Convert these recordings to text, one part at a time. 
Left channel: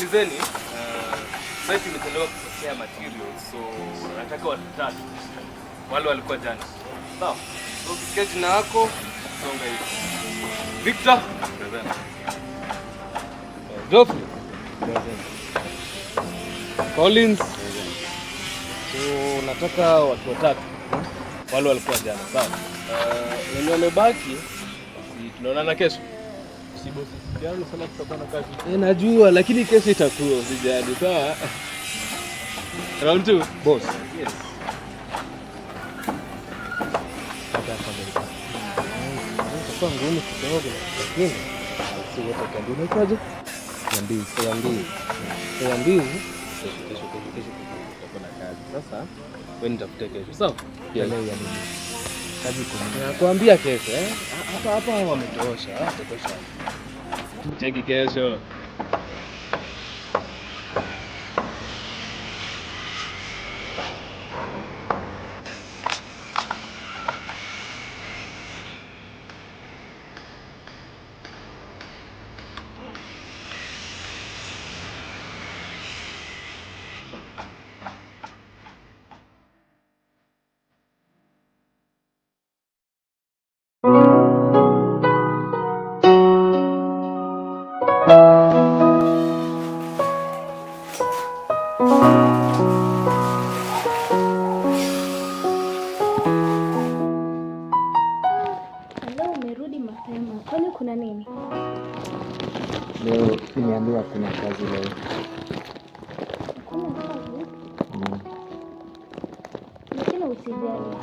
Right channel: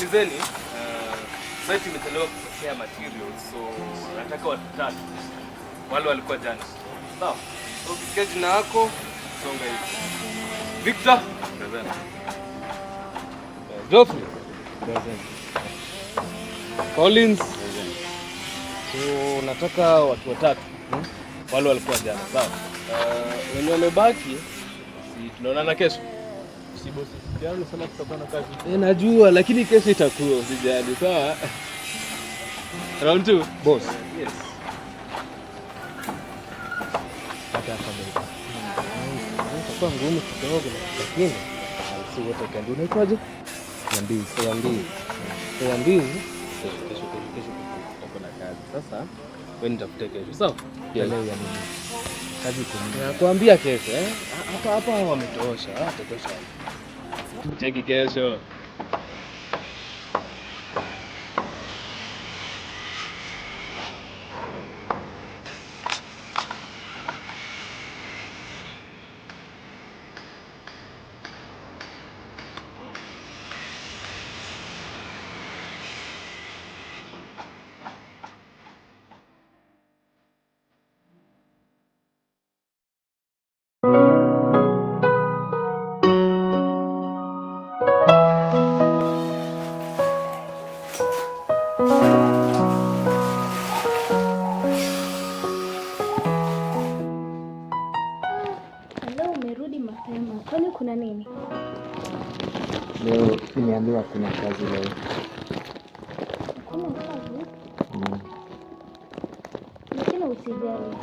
sikilizeni, site imetolewa kupokea materials, so nataka watu 3. Wale walikuwa jana. Sawa. So ukisikia jina yako, songa hivi. Victor, present. Geoffrey, present. Collins, present. So nataka watu 3. Wale walikuwa jana, sawa? Wenye wamebaki, si tunaonana kesho. Si bosi. Jana sana tutakuwa na kazi. Najua lakini kesho itakuwa usijali, sawa? Round 2, boss. Yes. Hata kama itakuwa ngumu kidogo lakini si wote kandi unaitwaje? Niambie. Kesho tutakuwa na kazi. Sasa wewe nitafute kesho, sawa? Leo ya nini? Kazi kuna. Nakwambia kesho, hapa wametosha, watatosha. Cheki kesho. Kwani kuna nini? Leo nimeambiwa kuna kazi leo. Kuna kazi? Lakini usijali.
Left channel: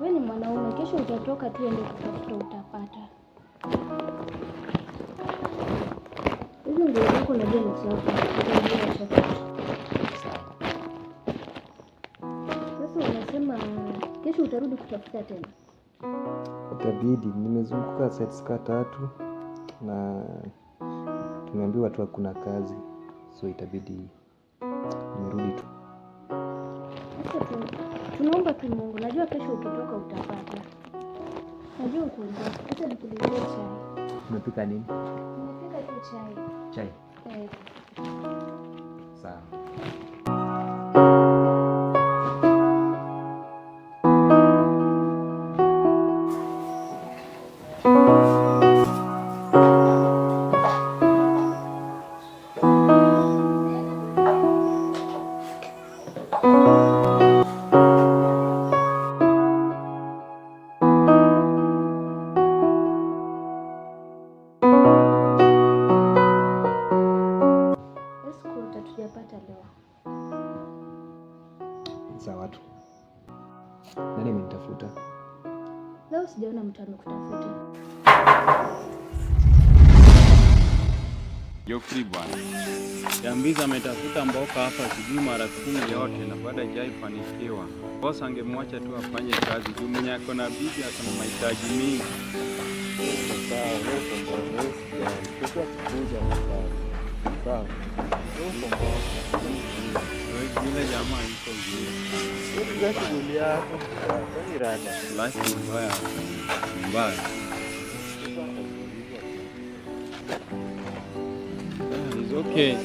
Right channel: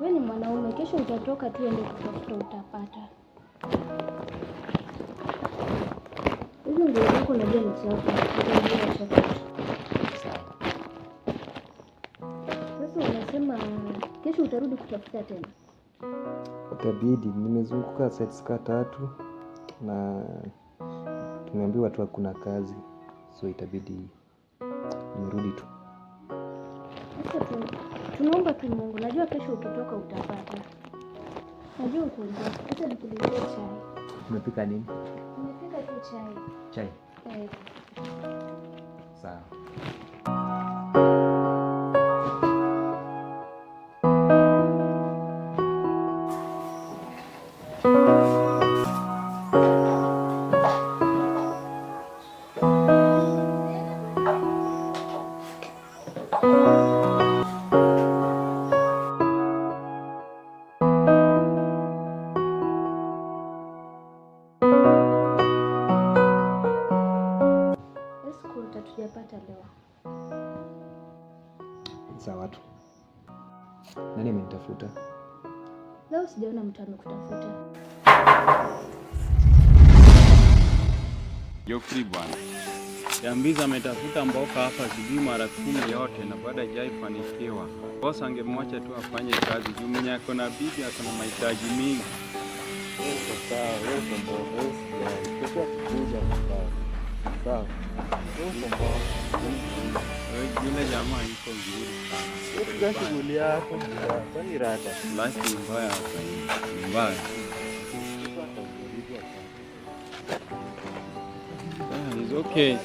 Wewe ni mwanaume, kesho utatoka tu ende kutafuta utapata. Hizo ndio zako najua ni sawa. Sawa. Sasa unasema kesho utarudi kutafuta tena? Itabidi, nimezunguka sites 3 na tumeambiwa tu hakuna kazi, so itabidi nirudi tu. Sasa tunaomba tu Mungu, najua kesho ukitoka utapata. Najua uko njaa. Hata nikuletee chai. Umepika nini? Nimepika tu chai. Chai? Sawa. Tutapata leo. Sawa tu. Nani amenitafuta? Leo sijaona mtu amekutafuta. Geoffrey bwana. Yambiza ametafuta mboka hapa sijui mara 10 yote na baada hajaifanikiwa. Boss angemwacha tu afanye kazi juu mwenye ako na bibi ako na mahitaji mingi. Sawa, kesho kuja hapa. Sawa. Yule jamaa yuko vizuri sana. Hiyo shughuli yako ni rada. Life ni mbaya hapa. Mbaya. It's okay.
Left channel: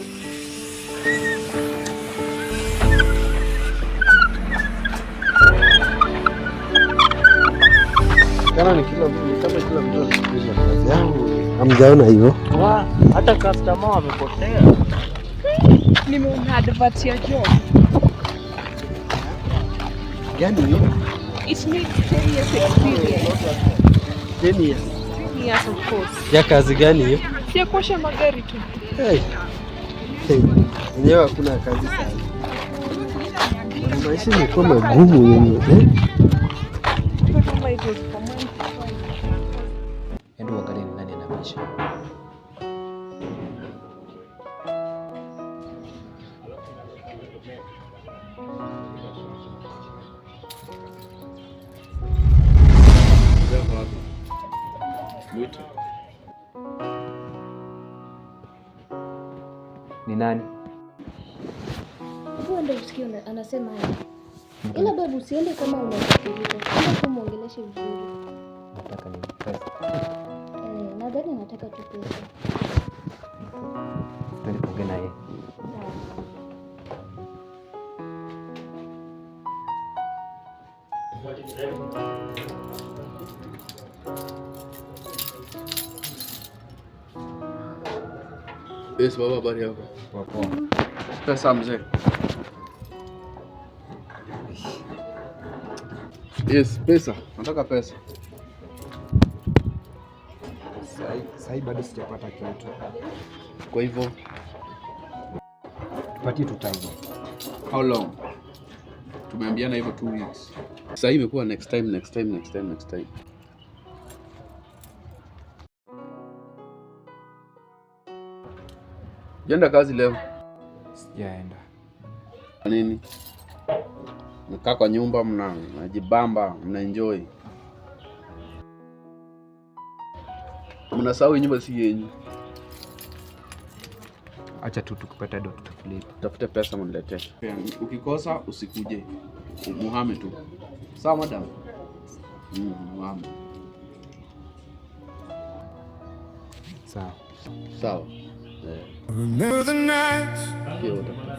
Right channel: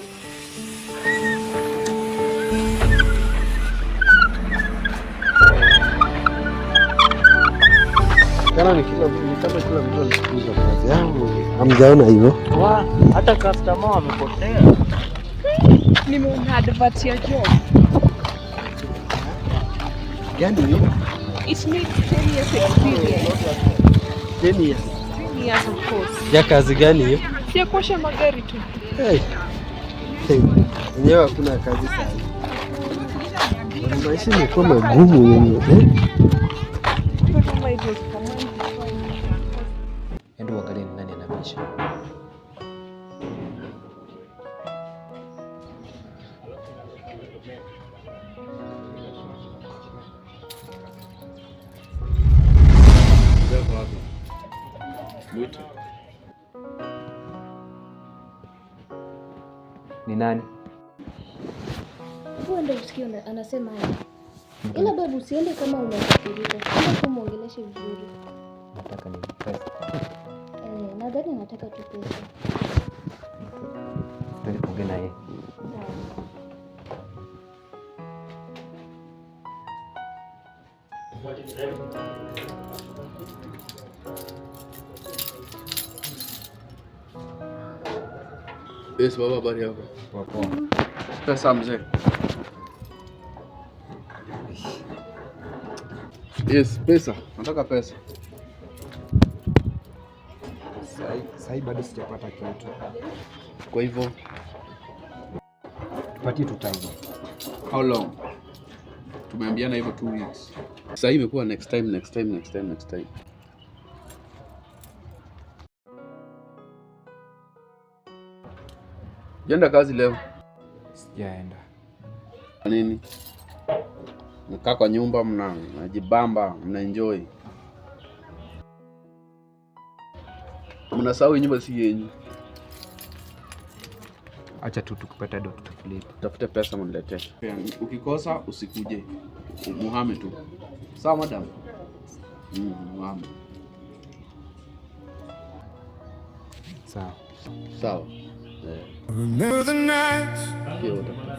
Kana ni kila mtu anakuza kazi yangu. Hamjaona hivyo? Hata customer wamepotea. Nimeona advert ya job. Gani hiyo? It needs 10 years experience. 10 years. 10 years of course. Ya kazi gani hiyo? Si kuosha magari tu. Wenyewe hakuna kazi sana. Maisha imekuwa magumu yenyewe. Endo uangalie ni nani anabisha. Ni nani? Hebu enda usikie anasema haya. Ila babu usiende kama unakasirika. Enda kumuongeleshe vizuri. Nataka nini? Pesa. Nadhani anataka tu pesa. Twende tuongee na yeye. Yes, baba, habari yako? Poa. Pesa mzee. Yes, pesa. Nataka pesa. Sasa bado sijapata kitu. Kwa hivyo Tupatie tu time. how long? Tumeambiana hivyo 2 weeks. Sasa imekuwa next time. Jenda kazi leo. Sijaenda. Kwa nini? Mkaa kwa nyumba mnajibamba, mnaenjoy. Mnasahau nyumba si yenyu. Acha tu tukipata ndo tutaflipa. Tafute pesa mniletee. Ukikosa usikuje. Muhame tu. Sawa madam? Muhame. Sawa. Remember the nights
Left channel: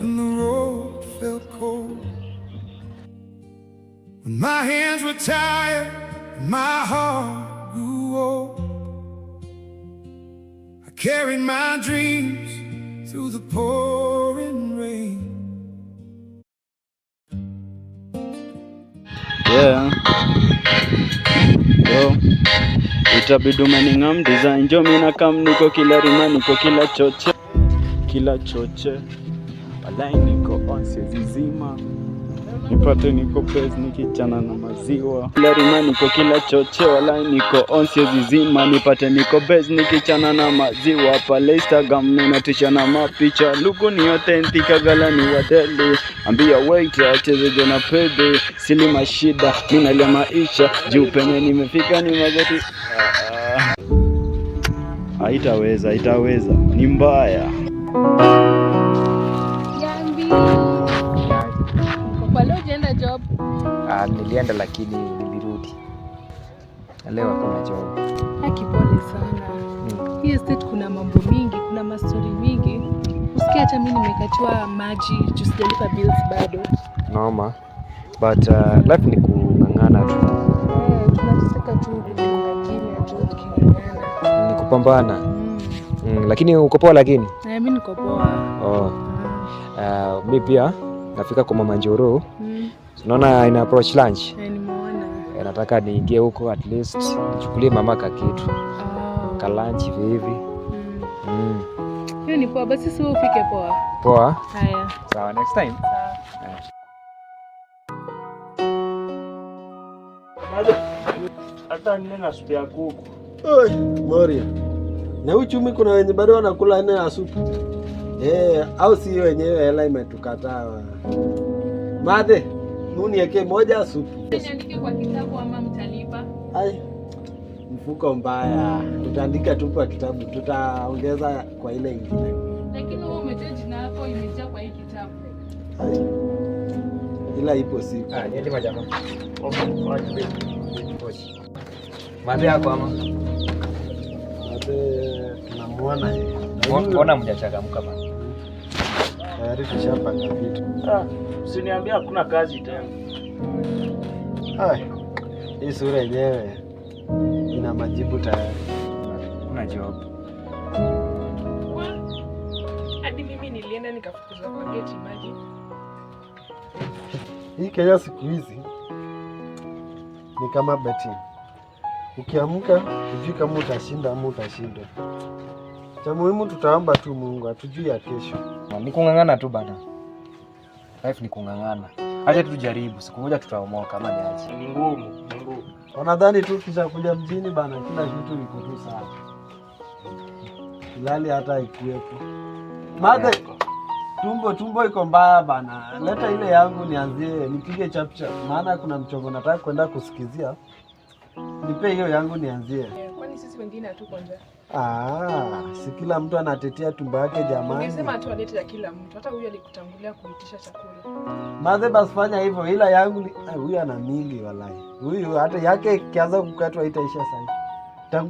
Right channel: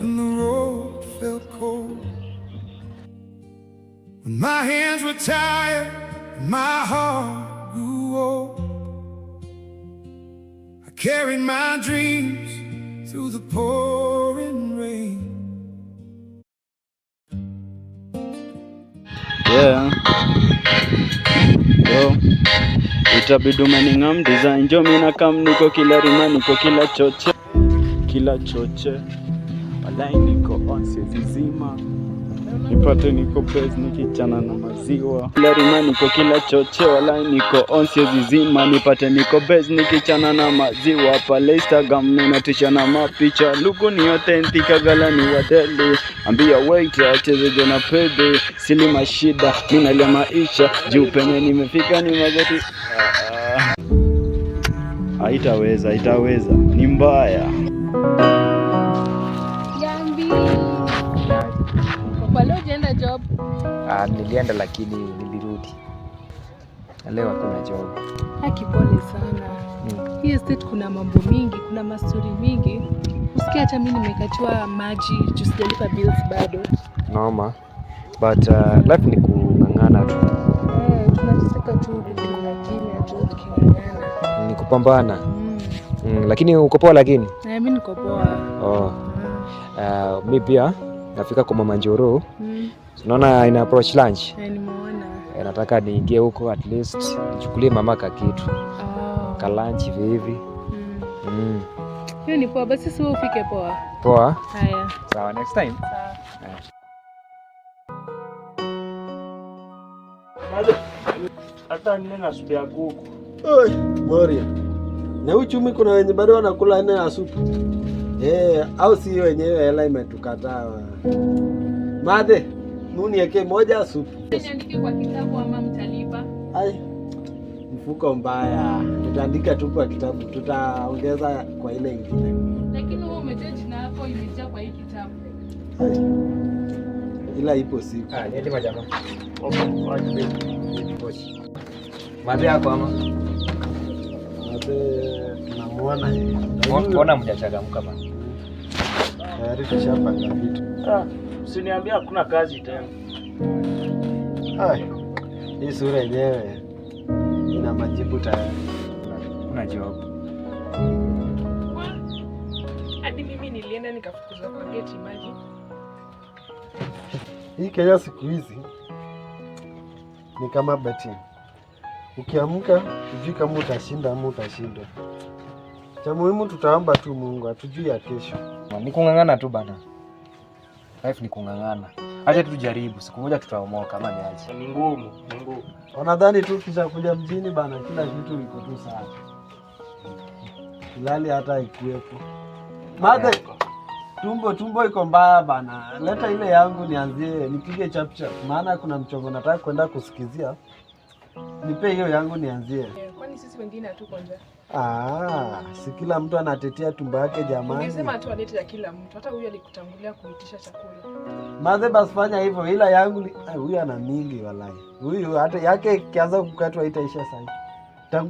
when the road felt cold, when my hands were tired and my heart grew old. I carried my dreams through the pouring rain. Itabidi umening'am design jo mina kam niko kila rima niko kila choche walai niko onse zizima nipate niko pez nikichana na maziwa kila rima niko kila choche walai niko onse zizima nipate niko bez nikichana na maziwa pale Instagram ninatisha na mapicha luku ni authentic gala ni wadeli ambia waiter chezeje na pede sili mashida mimi na maisha juu penye nimefika ni magoti haitaweza ni mbaya. Yambi. Kwa leo unaenda job? Nilienda lakini nilirudi. Leo hakuna job. Pole sana. Hii estate kuna mambo mingi, kuna mastori mingi. Usikia hata mimi nimekatiwa maji, juu sijalipa bills bado. Noma. But life ni kung'ang'ana tu. Tunataka tu kimya tu tuking'ang'ana. Ni kupambana. Lakini uko poa lakini? Mimi niko poa. Mimi pia nafika kwa Mama Njoro. Unaona ina approach lunch. Nimeona. Nataka niingie huko at least nichukulie mama ka kitu. Ka lunch hivi. Hiyo ni poa, basi sio ufike poa. Poa? Haya. Sawa, next time. Sawa. Hata nina supu ya kuku. Oi, Moria. Na uchumi kuna wenye bado wanakula nne ya supu. Au si wenyewe hela imetukataa. Madhe, munieke moja supu. Niandike kwa kitabu ama mtalipa? Mfuko mbaya. Tutaandika tu kwa kitabu, tutaongeza kwa ile ingine. Lakini wewe umetaja jina lako imejaa kwa hii kitabu. Ila ipo siku. Niende majamaa. Madhe yako ama? Madhe tunamuona hivi. Mbona mjachangamka bana? Tayari tushapanga vitu. Usiniambia hakuna kazi tena. Hii sura yenyewe ina majibu tayari. Kuna job. Hadi mimi nilienda nikafukuzwa kwa gate maji. Hii Kenya siku hizi ni kama betting. Ukiamka hujui kama utashinda ama utashindwa. Cha muhimu tutaomba tu Mungu atujui ya kesho. Ni kung'ang'ana tu bana. Life ni kung'ang'ana. Acha tujaribu, siku moja tutaomoka ama ni aje. Ni ngumu. Wanadhani tu kisha kuja mjini bana kila kitu iko tu sawa. Kilali hata ikuwepo. Madhe, tumbo iko mbaya bana. Leta ile yangu nianzie nipige chap chap. Maana kuna mchongo nataka kwenda kusikizia. Nipe hiyo yangu nianzie. Kwani sisi wengine hatuko nje? Si kila mtu anatetea tumbo yake jamani. Ungesema tu alete ya kila mtu. Hata huyu alikutangulia kuitisha chakula. Madhe basi fanya hivyo, ila yangu ni huyu ana mingi walai. Huyu hata yake kianza kukatwa itaisha sasa.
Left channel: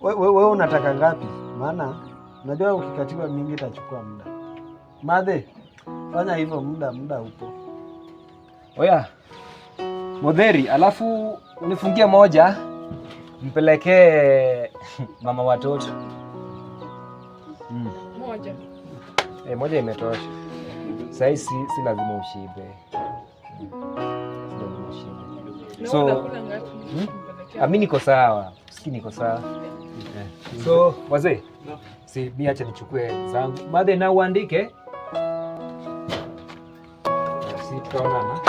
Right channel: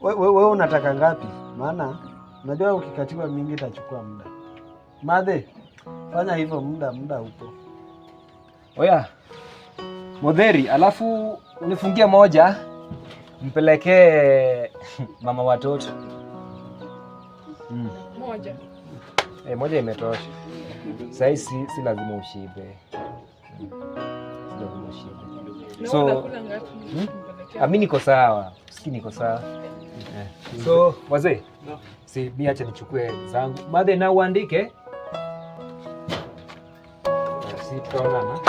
Wewe unataka ngapi? Maana unajua ukikatiwa mingi itachukua muda. Madhe, fanya hivyo, muda upo. Oya Modheri, alafu unifungie moja mpelekee mama watoto. Moja. Moja imetosha. Sasa si lazima ushibe. Si lazima ushibe. So unakula ngapi? Mimi niko sawa. Siki niko sawa. So wazee, si mimi acha nichukue zangu. Baadaye na uandike. Si tutaonana.